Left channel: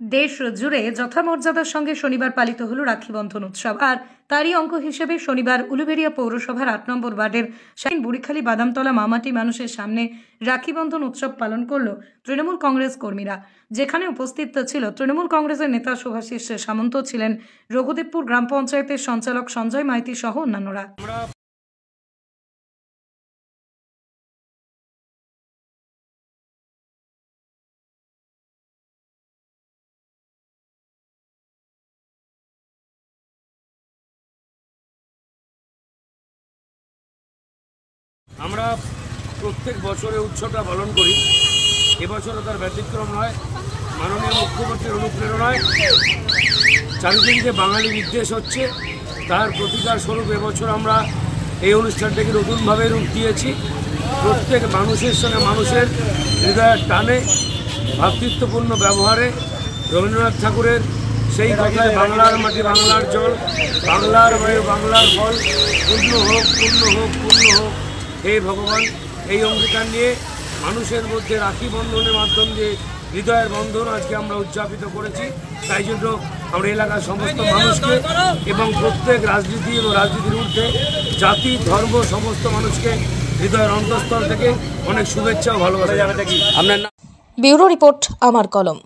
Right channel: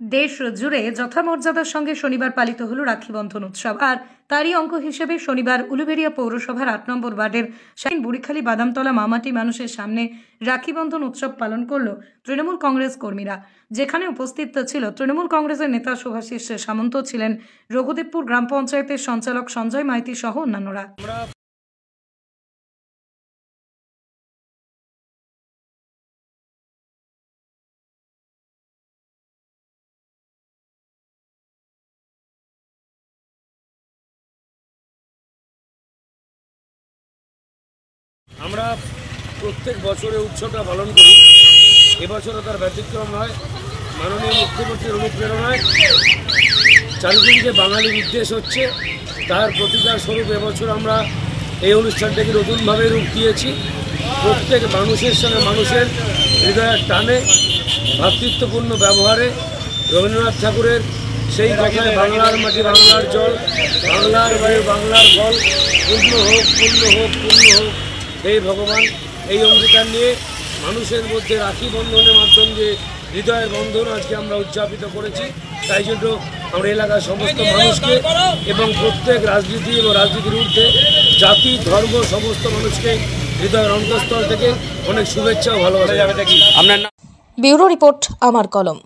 দেশ জুড়ে যথামর্যাদার সঙ্গে শনিবার পালিত হলো রাখি বন্ধন উৎসব। আর তারই অঙ্গ হিসেবে শনিবার উলুবেড়িয়া পৌরসভার ৮ নম্বর ওয়ার্ডের বুড়িখালী বাদামতলা মামাটি মানুষের সামনে রাখি বন্ধন উৎসব পালন করল তৃণমূল কংগ্রেস কর্মীরা, যেখানে উপস্থিত ছিল তৃণমূল কংগ্রেসের নেতা শুভাশিস সামন্ত, ছিলেন রঘুদেবপুর গ্রাম পঞ্চায়েতের সঞ্চালক সঞ্জয় মাইতি সহ অন্যান্যরা। আমরা প্রত্যেক বছরে উৎসবটা পালন করি, এবছরও তার ব্যতিক্রম নয়। মাননীয় মুখ্যমন্ত্রীর অনুপ্রেরণায় চারিদিকে যে বাঙালি বিদ্বেষ হচ্ছে তার প্রতিকার স্বরূপ এবছর আমরা এই অনুষ্ঠানটাকে নতুনভাবে রূপ দিয়েছি। প্রত্যেক মানুষের সঙ্গে মানুষের হৃদয়ের টানে, ভ্রাতৃত্বপূর্ণ ব্যবহারে রবীন্দ্রনাথ ঠাকুরের সেই কথায় বাংলার মাটি বাংলার জল, বাংলার বায়ু বাংলার ফল, পূর্ণ হোক পূর্ণ হোক পূর্ণ হোক হে ভগবান, এই অঙ্গীকার নিয়ে মানুষের মধ্যে রাখি বন্ধনের মাধ্যম দিয়ে হৃদয়ের বন্ধন আজকে আমরা উদযাপিত করেছি। তাই জন্য আমরা এলাকার সমস্ত মানুষকে এবং প্রত্যেক রাজনীতি এবং রাজনীতির ঊর্ধ্বে জাতি ধর্ম সমস্ত মানুষকে হৃদয়ের অন্তঃস্থল থেকে অনেক শুভেচ্ছা ও ভালোবাসা জানাচ্ছি। ব্যুরো রিপোর্ট, আমার কলম।